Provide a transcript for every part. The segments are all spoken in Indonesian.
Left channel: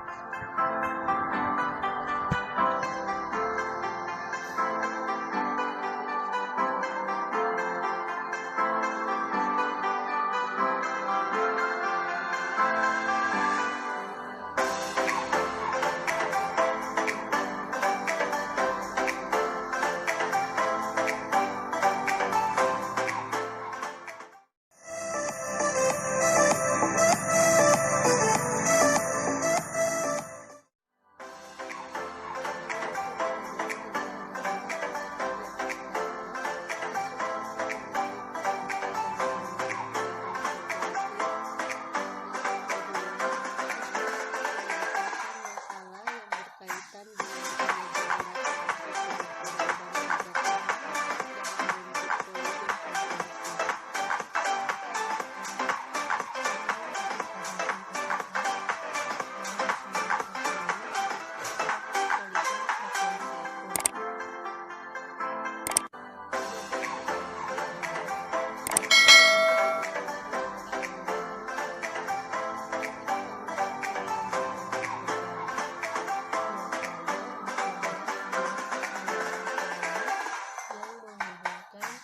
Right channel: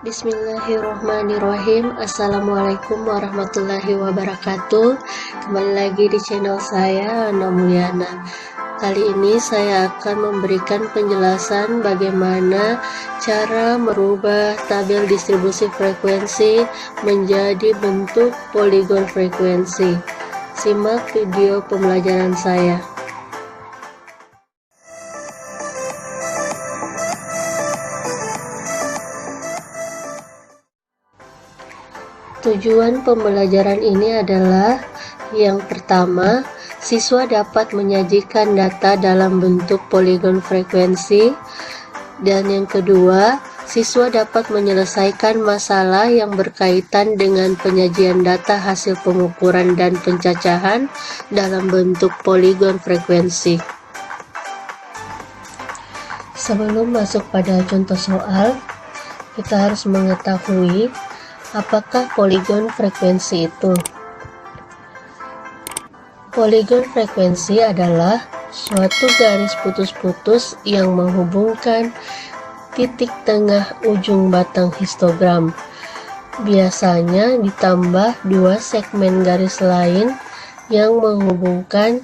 Bismillahirrahmanirrahim. Assalamualaikum warahmatullahi wabarakatuh. Kembali lagi di channel saya, Ana Mulyana. Kali ini saya akan memberikan penjelasan bagaimana cara merubah tabel distribusi frekuensi menjadi bentuk poligon frekuensi. Simak video pembelajaran saya. Tujuan pembelajaran ini adalah yang pertama, siswa dapat menyajikan data dalam bentuk poligon frekuensi, dan yang kedua, siswa dapat menyelesaikan masalah yang berkaitan dengan penyajian data hasil pengukuran dan pencacahan dalam bentuk poligon frekuensi. Sebelum masuk pada contoh soal, kita harus mengetahui apakah poligon frekuensi itu. Poligon frekuensi adalah suatu garis putus-putus yang menghubungkan titik tengah ujung batang histogram. Biasanya ditambah dua segmen garis lain yang menghubungkan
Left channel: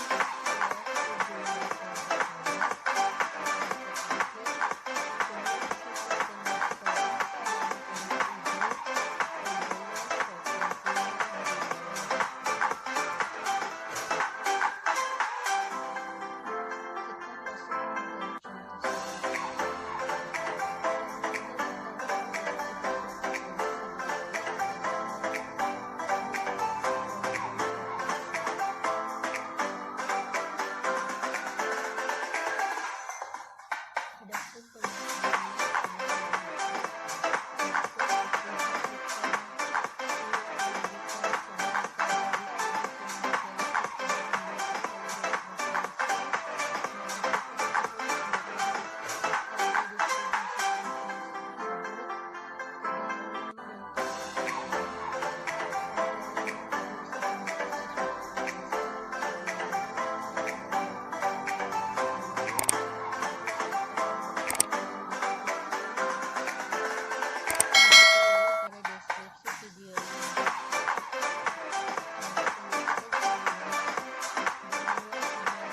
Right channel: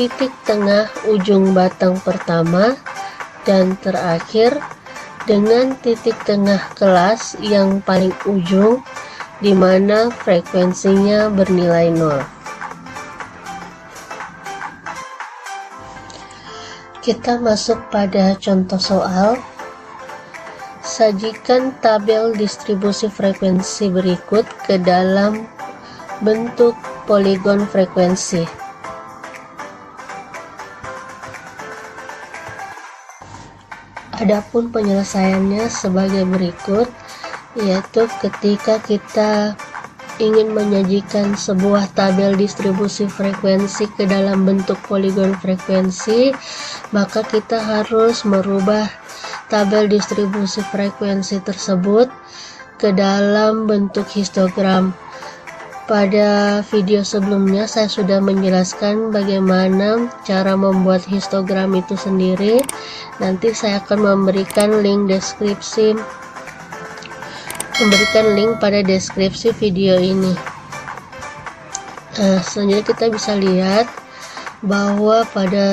titik tengah ujung batang pertama dan terakhir dengan titik tengah kelas yang paling ujung di mana frekuensinya bernilai 0. Kita masuk pada contoh soal. Sajikan tabel distribusi frekuensi berikut ke dalam bentuk poligon frekuensi. Adapun penyelesaiannya sebagai berikut, yaitu ketika kita ingin menyajikan sebuah tabel distribusi frekuensi ke dalam bentuk poligon frekuensi, maka kita harus merubah tabel distribusi frekuensi tersebut ke dalam bentuk histogram. Pada video sebelumnya saya sudah menjelaskan bagaimana cara membuat histogram itu sendiri. Nanti saya akan memberikan link pada deskripsi video ini. Selanjutnya kita bisa lihat bahwa pada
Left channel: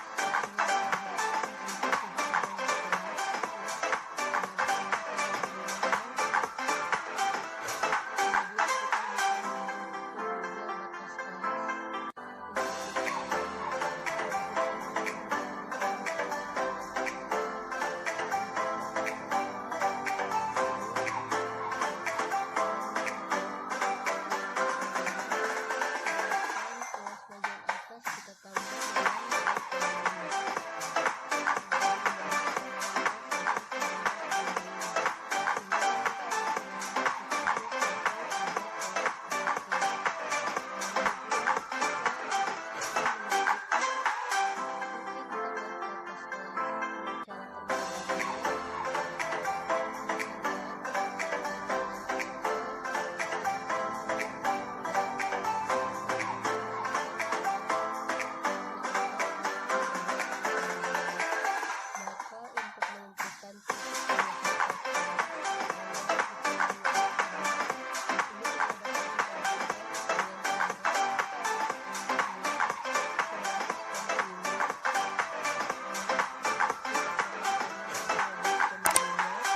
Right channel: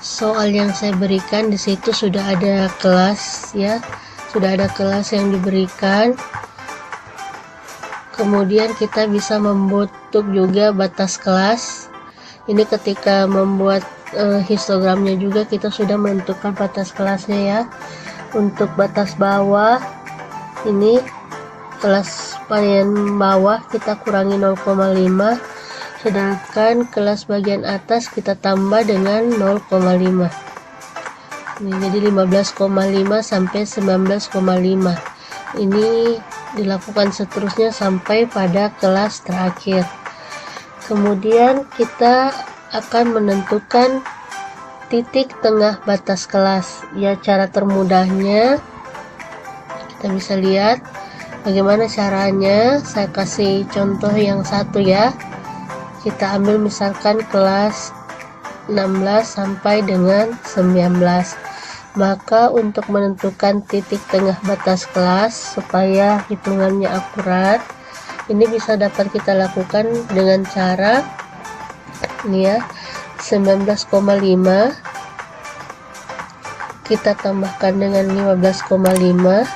soal yang saya berikan di situ sudah ada kelas ya, sudah ada kelas yang diberikan. Kemudian kita bisa membentuk juga batas kelas. Ini ketika membuat histogramnya juga kita sudah menentukan batas kelasnya ya. Untuk batas bawah ini kelas bagian bawah kita kurangi 0,5, sedangkan kelas bagian atas kita tambah dengan 0,5. Ini jadi 15,5 sampai 19,5. Ini dilakukan seterusnya sampai pada kelas terakhir. Kemudian kita akan menentukan titik tengah batas kelas. Ya, cara termudahnya kita bisa lihat bagaimana caranya. Saya kasih contoh yang satu ya. Kita ambil misalkan kelas 16 sampai dengan 19. Maka untuk menentukan titik tengah batas kelas supaya hitungannya akurat, ini bisa dapat kita lakukan dengan cara ini ya, 19,5 kita tambahkan dengan 15,5,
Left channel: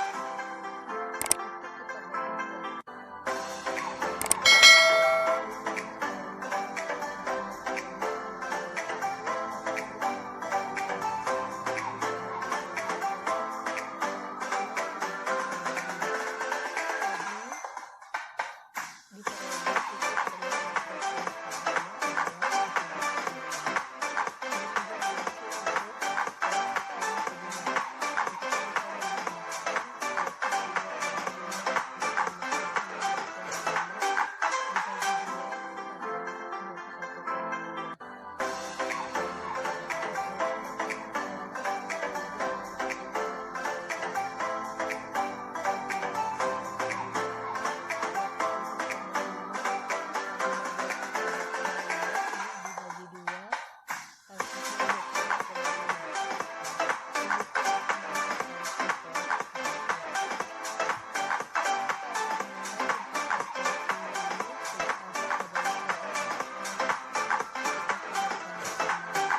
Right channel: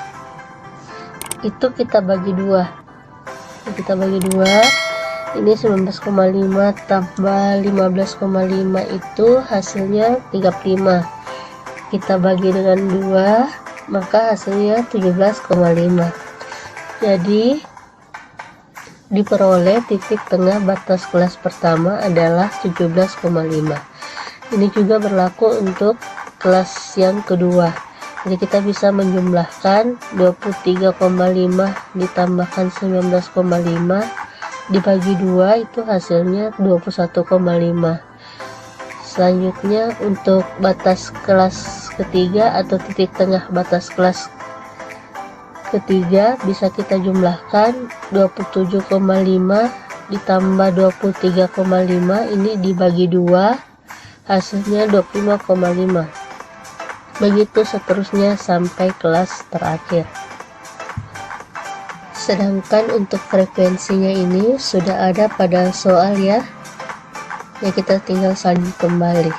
itu kita bagi dua. Ini 19,5 tambah 15,5 itu hasilnya 35. Kita bagi dengan 2, maka hasilnya 17,5. Jadi diperoleh titik tengah batas kelas pertama adalah 17,5. Ini juga berlaku untuk kelas yang kedua. Jadi kita bisa menjumlahkan 23,5 ditambahkan 19,5 dibagi 2, itu hasilnya 21,5. Selanjutnya untuk batas kelas ketiga atau titik tengah batas kelas ketiga bisa kita jumlahkan 27,5 ditambah 23,5, ini dibagi 2 hasilnya 25,5. Begitu seterusnya sampai kelas terakhir. Sedangkan untuk frekuensinya ini sudah ada pada soal ya. Ya, kita tinggal salin kembali.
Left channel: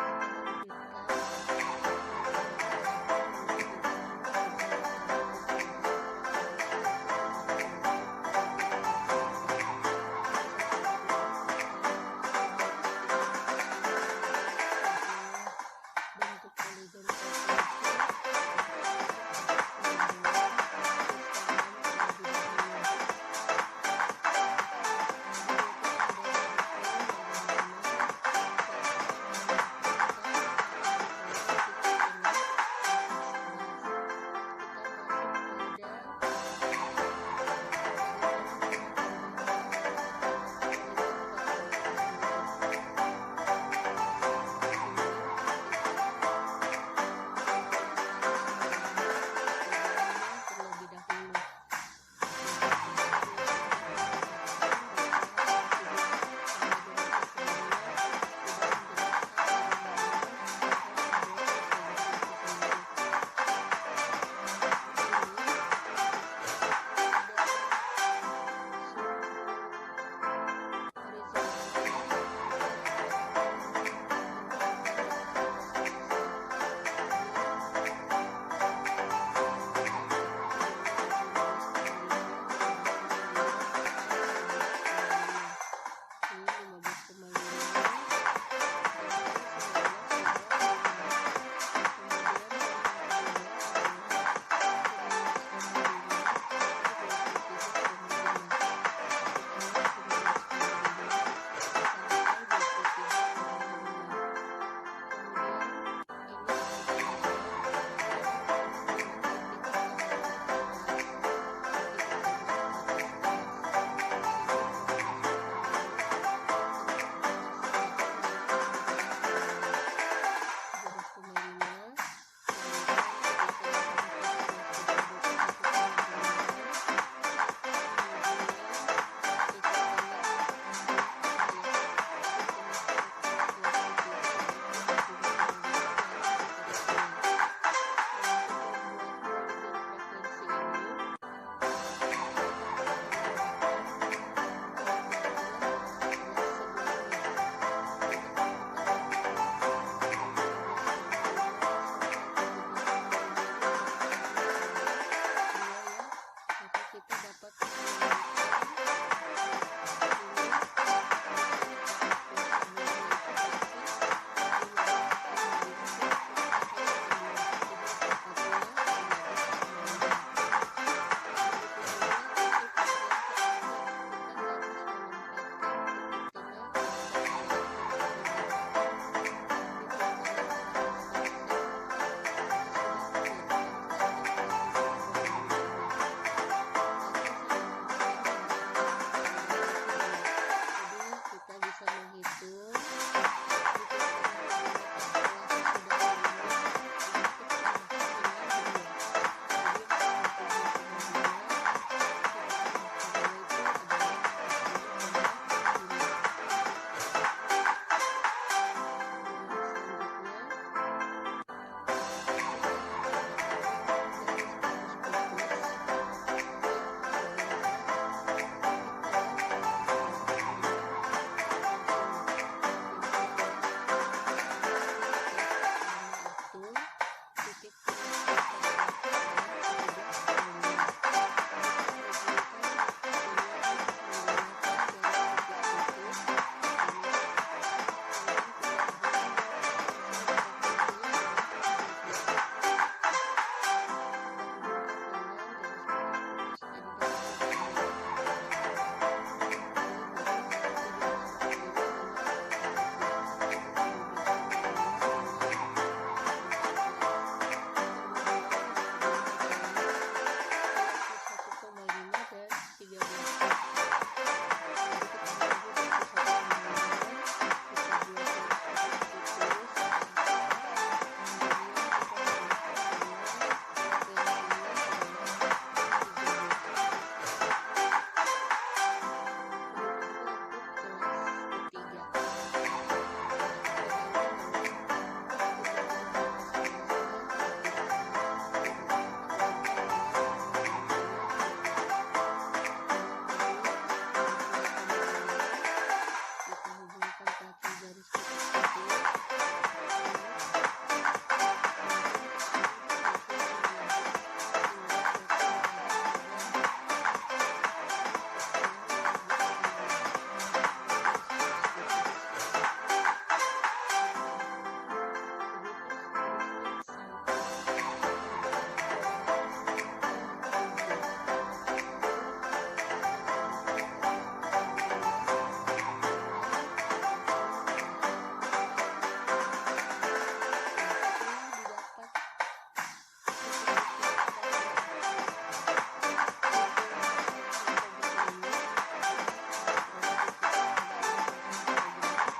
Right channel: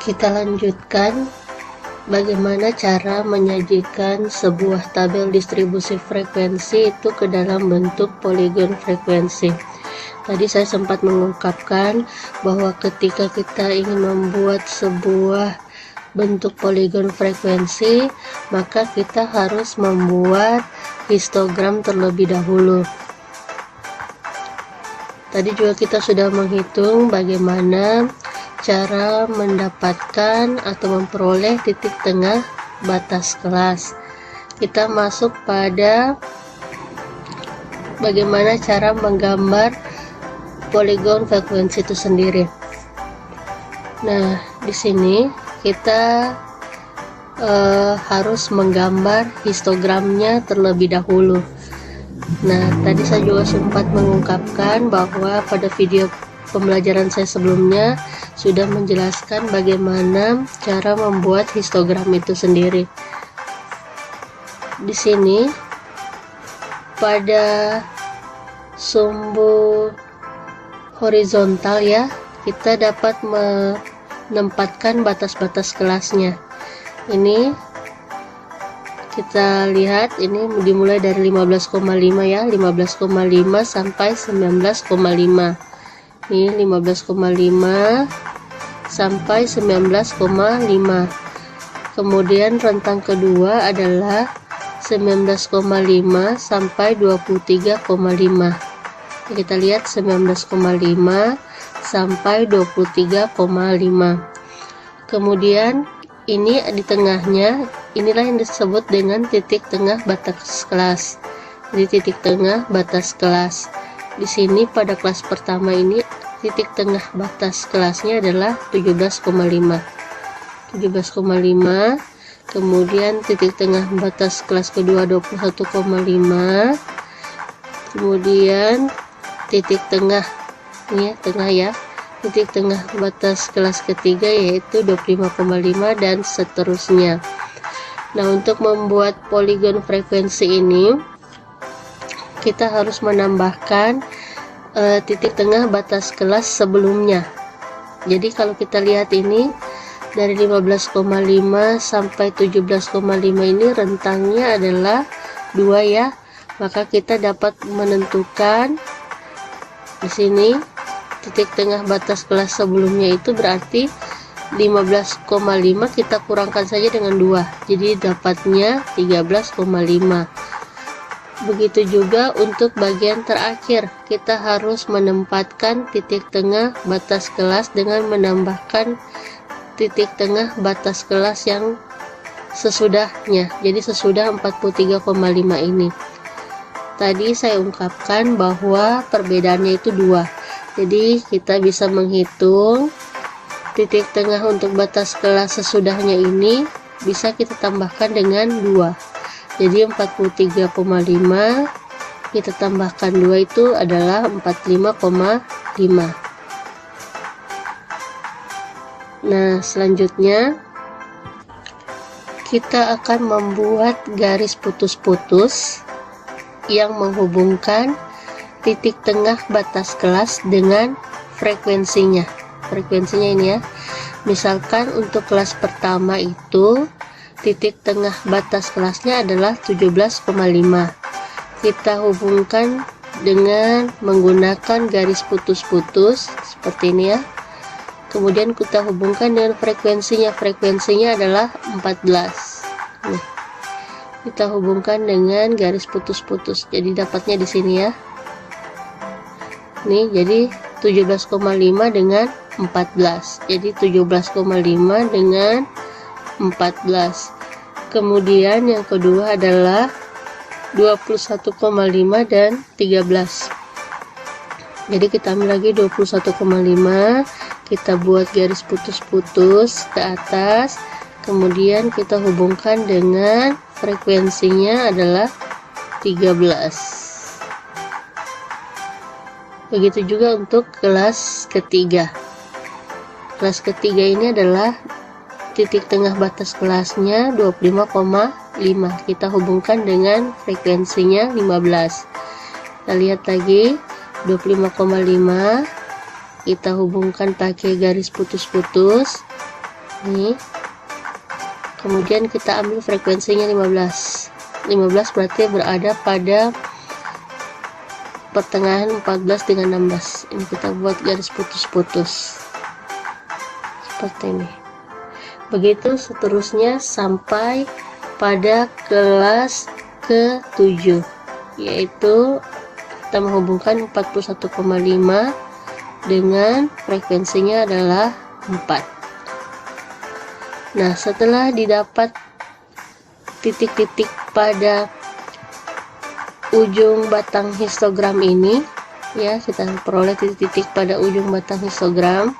Kita lanjutkan bagaimana cara menyajikan sebuah tabel distribusi frekuensi itu ke dalam bentuk poligon frekuensi. Tadi saya sempat mengungkapkan bahwa ketika kita ingin membuat sebuah bentuk poligon frekuensi, maka kita harus membuat histogram terlebih dahulu. Tadi juga kita sudah menghitung bagaimana cara mendapatkan atau memperoleh titik tengah batas kelas. Kita masuk pada bagaimana cara menggambar poligon frekuensi itu sendiri. Nah, di sini kita harus menggambar histogramnya terlebih dahulu. Nah, tadi saya juga sempat mengungkapkan bahwa pada video pembelajaran saya sebelumnya sudah menjelaskan bagaimana cara membuat histogram itu sendiri. Di sini pada sumbu horizontal ya, kita dapat menempatkan batas-batas kelasnya. Ini kita lihat, ini dimulai dari 15,5 ya, 15,5 sampai 19,5. Ini 15,5 sampai 19,5. Kemudian rentang kedua adalah 19,5 sampai 23,5. Kita lihat 19,5 sampai 23,5. Kemudian ini di tengahnya, inilah yang disebut dengan titik tengah batas kelas. Jadi titik tengah batas kelas. Di sini pada kelas pertama ini titik tengah batas kelasnya adalah 17,5. 17,5. Kemudian titik tengah batas kelas kedua 21,5. Kemudian titik tengah, ini ya, tengah ya. Titik tengah batas kelas ketiga yaitu 25,5 dan seterusnya. Nah, untuk membuat poligon frekuensi ini kita harus menambahkan titik tengah batas kelas sebelumnya. Jadi kalau kita lihat ini dari 15,5 sampai 17,5 ini rentangnya adalah 2 ya. Maka kita dapat menentukan di sini titik tengah batas kelas sebelumnya itu berarti 15,5 kita kurangkan saja dengan 2, jadi dapatnya 13,5. Begitu juga untuk bagian terakhir, kita harus menempatkan titik tengah batas kelas dengan menambahkan titik tengah batas kelas yang sesudahnya, jadi sesudah 43,5 ini. Tadi saya ungkapkan bahwa perbedaannya itu 2. Jadi kita bisa menghitung titik tengah untuk batas kelas sesudahnya ini bisa kita tambahkan dengan 2. Jadi 43,5 kita tambahkan 2 itu adalah 45,5. Nah, selanjutnya kita akan membuat garis putus-putus yang menghubungkan titik tengah batas kelas dengan frekuensinya. Frekuensinya ini ya. Misalkan untuk kelas pertama itu titik tengah batas kelasnya adalah 17,5. Kita hubungkan dengan menggunakan garis putus-putus seperti ini ya. Kemudian kita hubungkan dengan frekuensinya. Frekuensinya adalah 14. Nih. Kita hubungkan dengan garis putus-putus. Jadi dapatnya di sini ya. Nih, jadi 17,5 dengan 14. Jadi 17,5 dengan 14. Kemudian yang kedua adalah 21,5 dan 13. Jadi kita ambil lagi 21,5, kita buat garis putus-putus ke atas, kemudian kita hubungkan dengan frekuensinya adalah 13. Begitu juga untuk kelas ketiga. Kelas ketiga ini adalah titik tengah batas kelasnya 25,5. Kita hubungkan dengan frekuensinya 15. Kita lihat lagi 25,5, kita hubungkan pakai garis putus-putus nih. Kemudian kita ambil frekuensinya 15 berarti berada pada pertengahan 14 dengan 16. Ini kita buat garis putus-putus seperti ini. Begitu seterusnya sampai pada kelas ke-7, yaitu kita menghubungkan 41,5 dengan frekuensinya adalah 4. Nah, setelah didapat titik-titik pada ujung batang histogram ini, ya, kita peroleh titik-titik pada ujung batang histogram,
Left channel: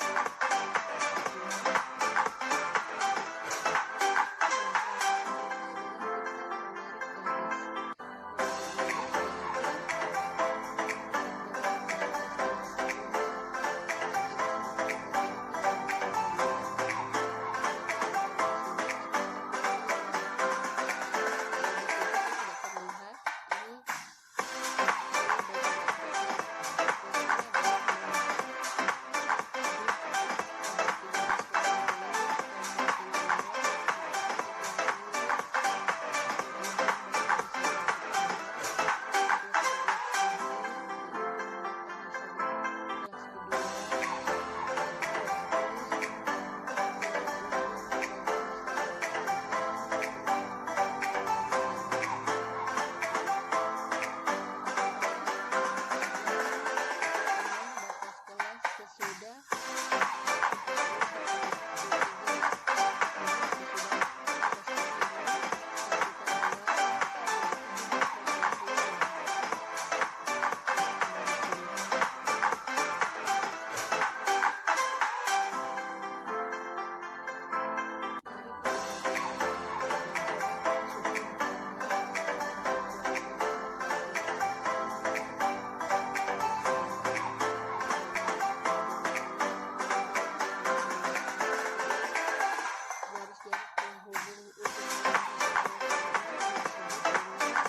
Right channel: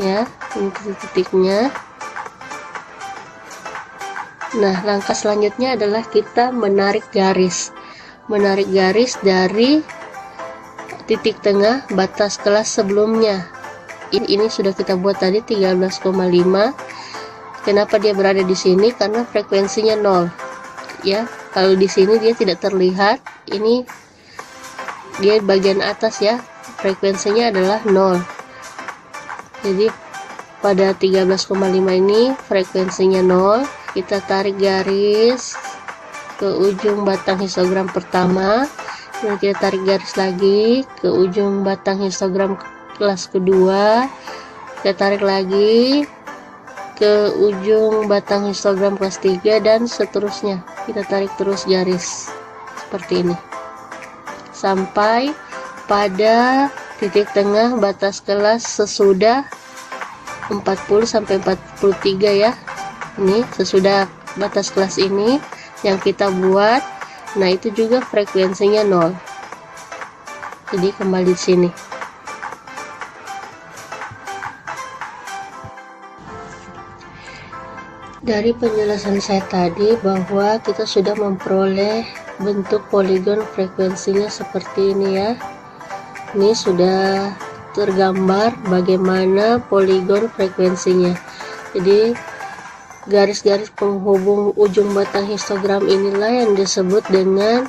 ya, ini titik-titiknya. Nah, langkah selanjutnya adalah kita menarik garis dari titik tengah batas kelas sebelumnya. Ini sudah kita buat tadi 13,5. Kenapa dia berada di sini? Karena frekuensinya 0. Ya, kalau di sini dia tidak terlihat. Ini dia bagian atas ya. Frekuensinya adalah 0. Jadi pada 13,5 ini frekuensinya 0. Kita tarik garis ke ujung batang histogram pertama. Kemudian kita tarik garis lagi ke ujung batang histogram kelas kedua, kita tarik lagi ke ujung batang histogram kelas 3, dan seterusnya. Kita tarik terus garis seperti ini sampai pada titik tengah batas kelas sesudah 40 sampai 43 ya. Ini sesudah batas kelas ini yang kita buat. Nah, itu juga frekuensinya 0. Jadi kembali di sini. Dari penjelasan saya tadi bahwa kita sudah memperoleh bentuk poligon frekuensinya seperti ini ya. Ini sudah tergambar bagaimana poligon frekuensinya. Jadi garis-garis penghubung ujung batang histogram inilah yang disebut dengan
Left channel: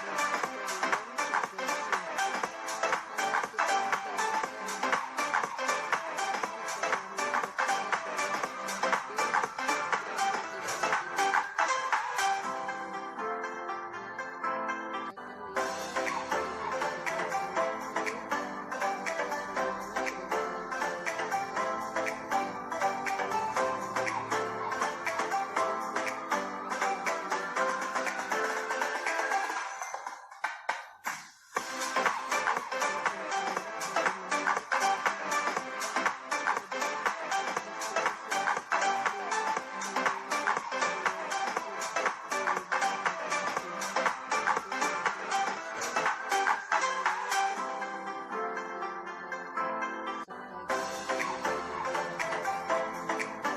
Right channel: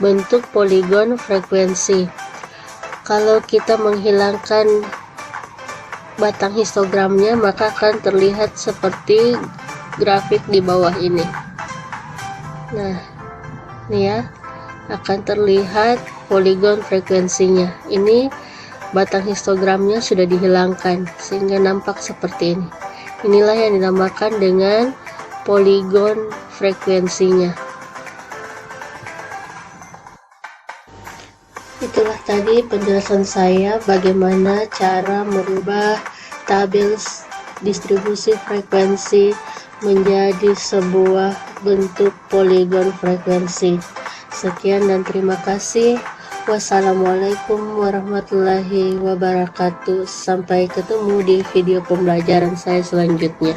bentuk poligon frekuensi. Kalau kita menghilangkan batang histogramnya, maka akan terlihat seperti grafik di bawah ini. Nah, ini ya, akan terlihat poligon frekuensinya. Ini batang histogramnya sudah dihilangkan sehingga nampak seperti ini. Inilah yang dinamakan dengan poligon frekuensinya. Itulah tadi penjelasan saya bagaimana cara merubah tabel distribusi frekuensi menjadi sebuah bentuk poligon frekuensi. Sekian dan terima kasih. Wassalamualaikum warahmatullahi wabarakatuh. Sampai ketemu di video pembelajaran saya selanjutnya.